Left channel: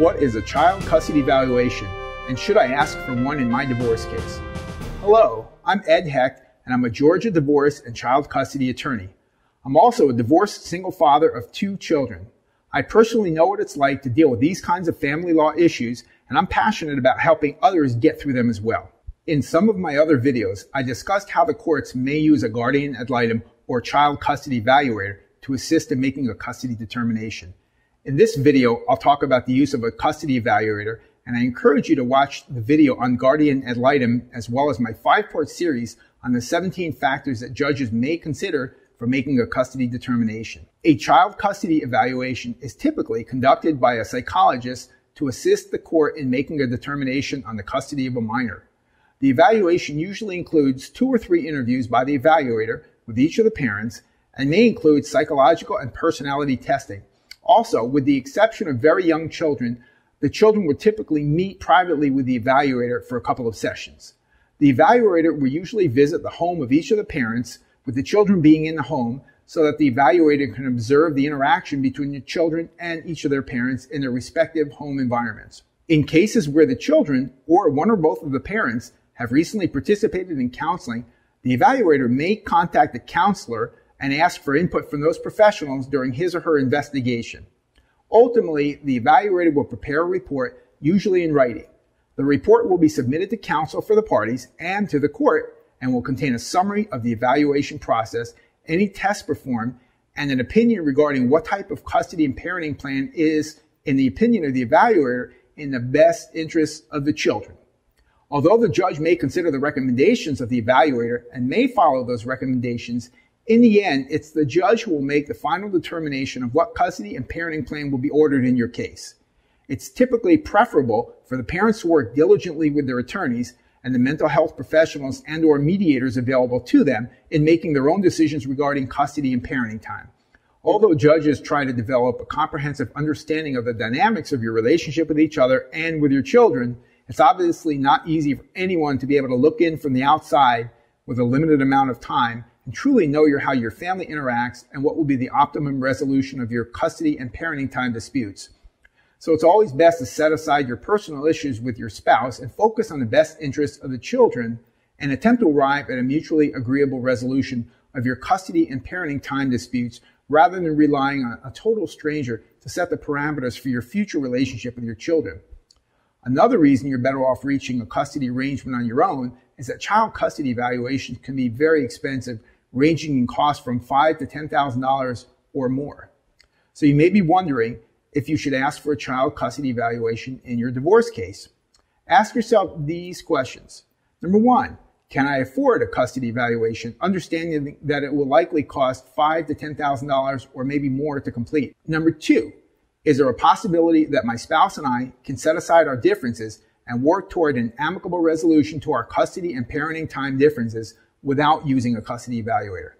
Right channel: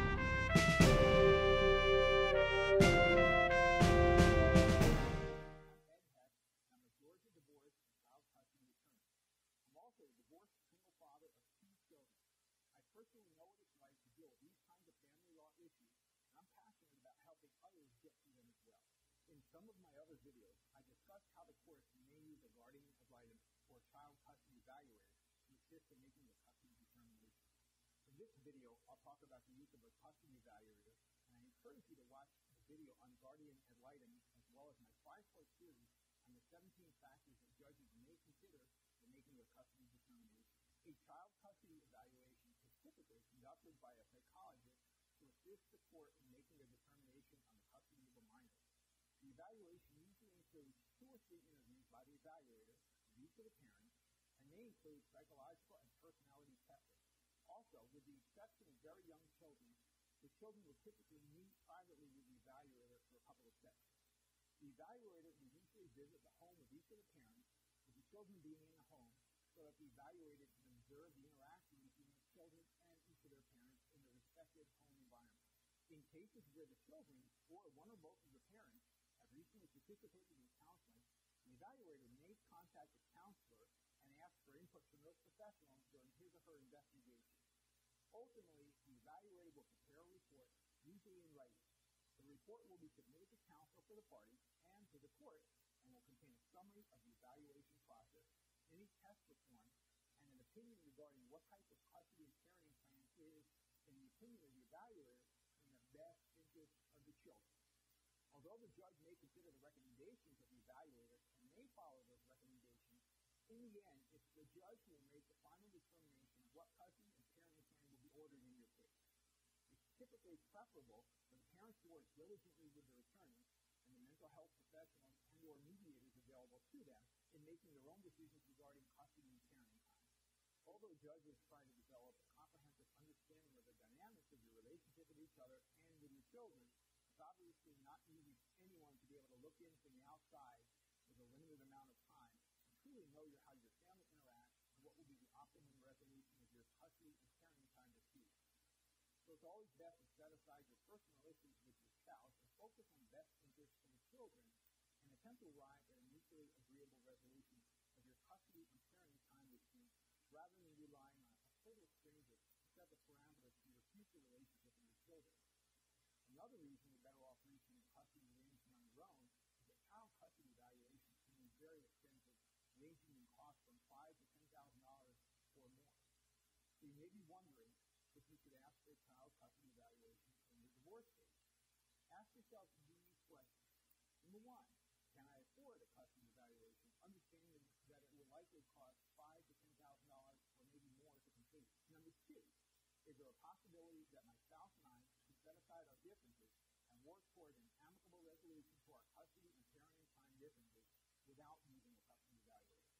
What is a child custody evaluation, and should I ask for one in my divorce case? Hello, I'm Ed Hecht, and I'm a Georgia divorce and child custody attorney. I'm also a divorced single father of 2 children. I personally know what it's like to deal with these kinds of family law issues, and I'm passionate about helping others get through them as well. In some of my other videos, I discussed how the courts may use a guardian ad litem or child custody evaluator to assist in making a custody determination. In this video, I'll talk about the use of a custody evaluator, and I encourage you to watch the video on guardian ad litem as well as my 5-part series on the 17 factors that judges may consider for making a custody determination. A child custody evaluation is typically conducted by a psychologist to assist the court in making a determination on the custody of a minor. The evaluation usually includes 2 or 3 interviews by the evaluator with each of the parents and may include psychological and personality testing. Also, with the exception of very young children, the children would typically meet privately with the evaluator for a couple of sessions. The evaluator will usually visit the home of each of the parents, with the children being in the home, so that the evaluator can observe the interaction between the children and each of their parents in their respective home environments. In cases where the children, or one or both of the parents, have recently participated in counseling, the evaluator may contact the counselor and ask for input from those professionals during his or her investigation. Ultimately, the evaluator will prepare a report, usually in writing. The report will be submitted to counsel for the parties and to the court and will contain a summary of the evaluation process, any tests performed, and an opinion regarding what type of custody and parenting plan is, in the opinion of the evaluator, in the best interests of the children. Although the judge may consider the recommendations of the evaluator and may follow those recommendations, in the end, it's the judge who will make the final determination of what custody and parenting plan will be ordered in your case. It's typically preferable for the parents to work diligently with their attorneys and the mental health professionals and/or mediators available to them in making their own decisions regarding custody and parenting time. Although judges try to develop a comprehensive understanding of the dynamics of your relationship with each other and with your children, it's obviously not easy for anyone to be able to look in from the outside with a limited amount of time and truly know how your family interacts and what will be the optimum resolution of your custody and parenting time disputes. So it's always best to set aside your personal issues with your spouse and focus on the best interests of the children and attempt to arrive at a mutually agreeable resolution of your custody and parenting time disputes rather than relying on a total stranger to set the parameters for your future relationship with your children. Another reason you're better off reaching a custody arrangement on your own is that child custody evaluations can be very expensive, ranging in cost from $5,000 to $10,000 or more. So you may be wondering if you should ask for a child custody evaluation in your divorce case. Ask yourself these questions. Number 1, can I afford a custody evaluation, understanding that it will likely cost $5,000 to $10,000 or maybe more to complete? Number 2, is there a possibility that my spouse and I can set aside our differences and work toward an amicable resolution to our custody and parenting time differences without using a custody evaluator?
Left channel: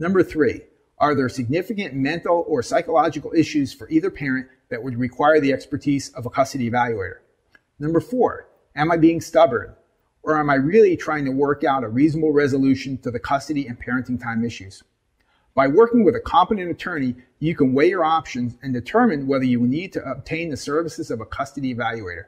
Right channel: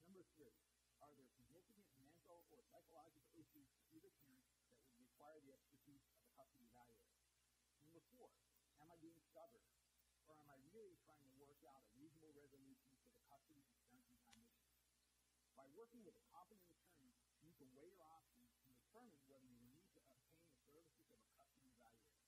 Number 3, are there significant mental or psychological issues for either parent that would require the expertise of a custody evaluator? Number 4, am I being stubborn, or am I really trying to work out a reasonable resolution to the custody and parenting time issues? By working with a competent attorney, you can weigh your options and determine whether you will need to obtain the services of a custody evaluator.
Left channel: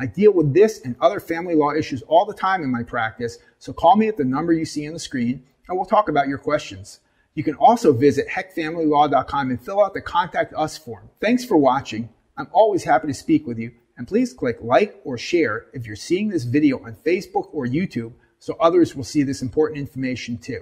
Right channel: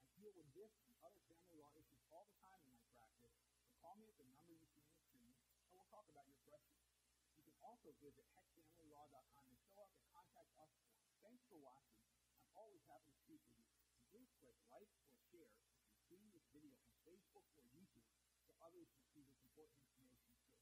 I deal with this and other family law issues all the time in my practice, so call me at the number you see on the screen and we'll talk about your questions. You can also visit hechtfamilylaw.com and fill out the Contact Us form. Thanks for watching. I'm always happy to speak with you, and please click like or share if you're seeing this video on Facebook or YouTube so others will see this important information too.